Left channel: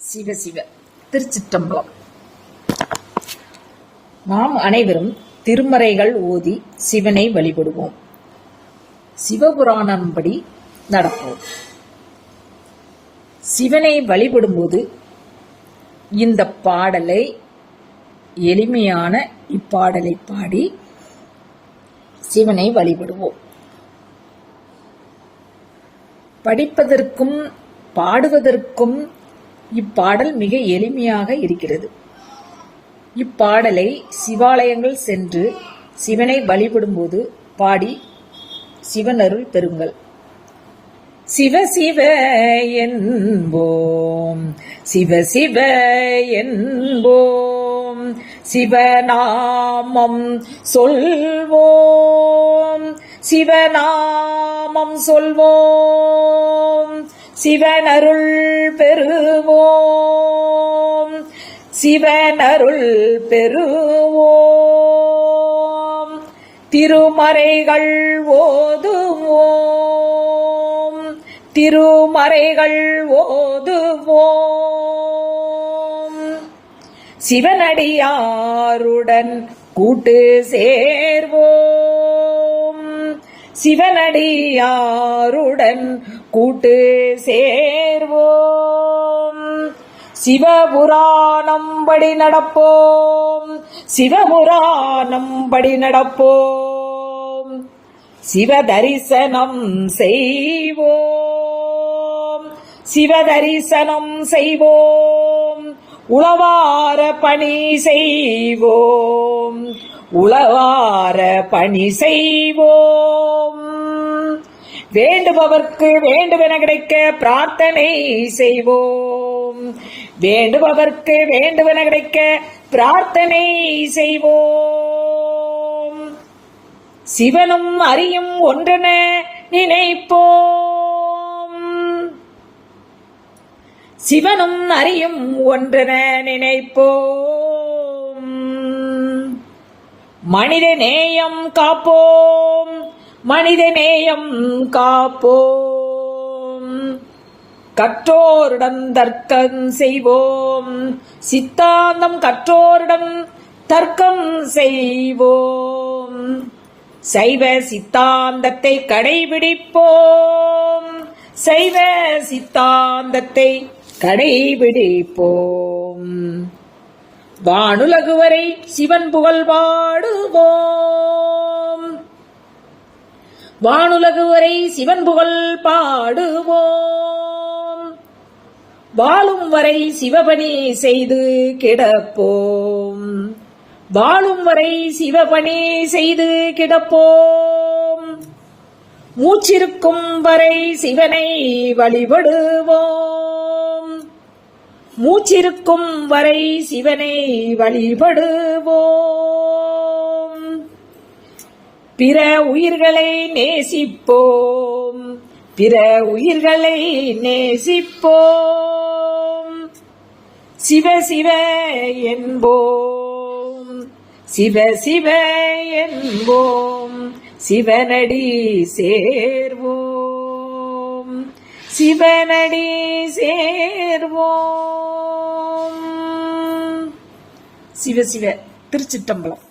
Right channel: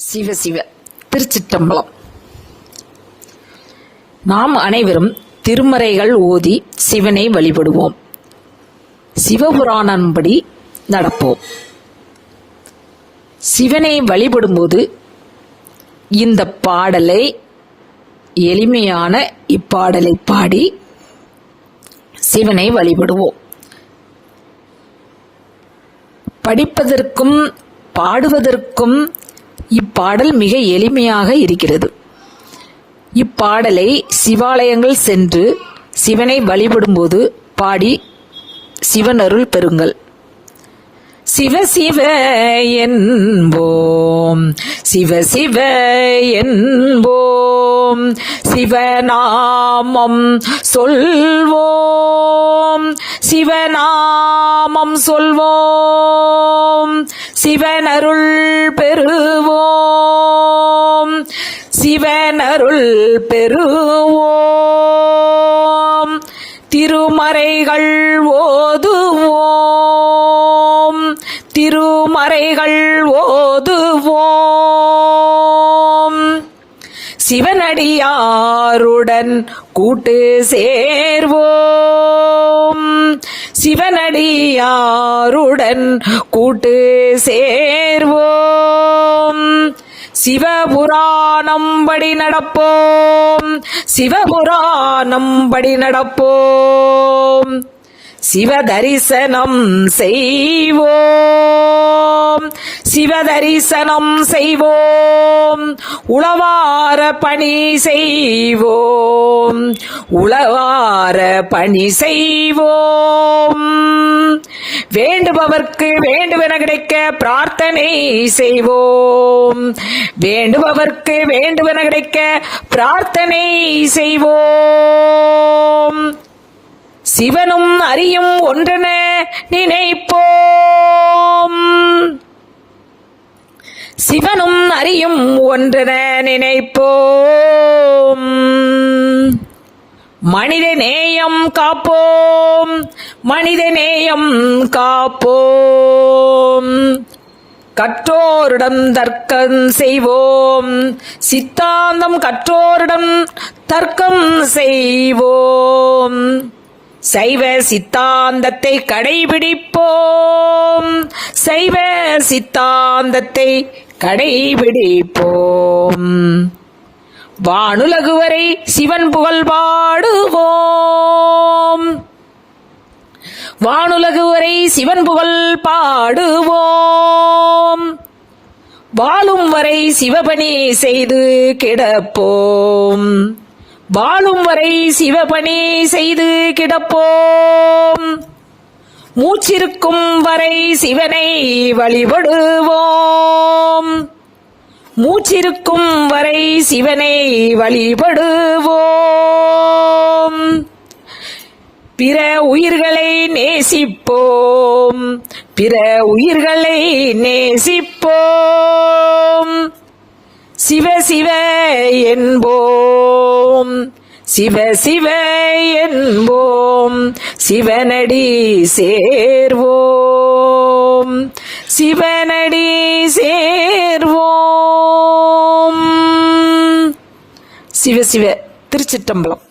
சிவ சிவ. திருச்சிட்டம்பலம் நாம் அனைவரும் திருமறைகள் ஓதி சிவனை வழிபடுவோம். சிவபுராணன்படி நடப்போம். சிவனை வழிபடும்போது இந்த பாடலை எளிமையான இப்பாடலை பாடி சிவனை வழிபடுவோம். படிப்பதற்கும் பாடுவதற்கும் இப்பாடல் மிக எளிமையாக இருக்கிறது. இப்பாடலை சிவாலயங்கள் சென்று சிவனை வழிபடும்போது பாடி சிவனருள் பெறுங்கள். சிவ சிவ என்போம். சிவ சிவ என்போம். சிவநாமம் சொல்வோம். சிவநாமம் சொல்வோம். சிவனருள் பெறுவோம். சிவனருள் பெறுவோம். திருமறைகள் ஓதுவோம். திருமறைகள் ஓதுவோம். சிவனடியாருடன் கூட்டு சேர்வோம். சிவனடியாருடன் கூட்டு சேர்வோம். சிவபுராணம் படி நடப்போம். சிவபுராணம் படி நடப்போம். சிவதரிசனம் செய்வோம். சிவதரிசனம் செய்வோம். உளவார பணி செய்வோம். உளவார பணி செய்வோம். வேண்டுபவர்க்கு வேண்டுவன கிடைக்க பிரார்த்தனை செய்வோம். வேண்டுபவர்க்கு வேண்டுவன கிடைக்க பிரார்த்தனை செய்வோம். சிவனும் அரியும் ஒன்றென நினைப்போம். சிவனும் அறியும் ஒன்றென நினைப்போம். மனித நேயம் காப்போம். மனித நேயம் காப்போம். கற்றோரிடம் தர்க்கம் செய்வோம். சித்தாந்தம் கற்றோரிடம் தர்க்கம் செய்வோம். சைவ சித்தாந்தத்தை கடைபிடிப்போம். சைவ சித்தாந்தத்தை கடைபிடிப்போம். வானுலகுவரை சிவன் புகழ் பாடுவோம் வானுலகு வரை சிவன் புகழ் பாடுவோம். வாழும் வரை சிவபணி செய்து கிடப்போம். வாழும் வரை சிவபணி செய்து கிடப்போம். மூச்சிருக்கும் வரை சிவனை வழிபடுவோம். மூச்சிருக்கும் வரை சிவனை வழிபடுவோம் பிற உயிர்களை நேசிப்போம். பிற உயிர்களை நேசிப்போம். சிவ சிவ என்போம். சிவ சிவ என்போம். சிவனடி சேர்வோம். சிவனடி சேர்வோம். சிவ சிவ திருச்சிட்டம்பலம்.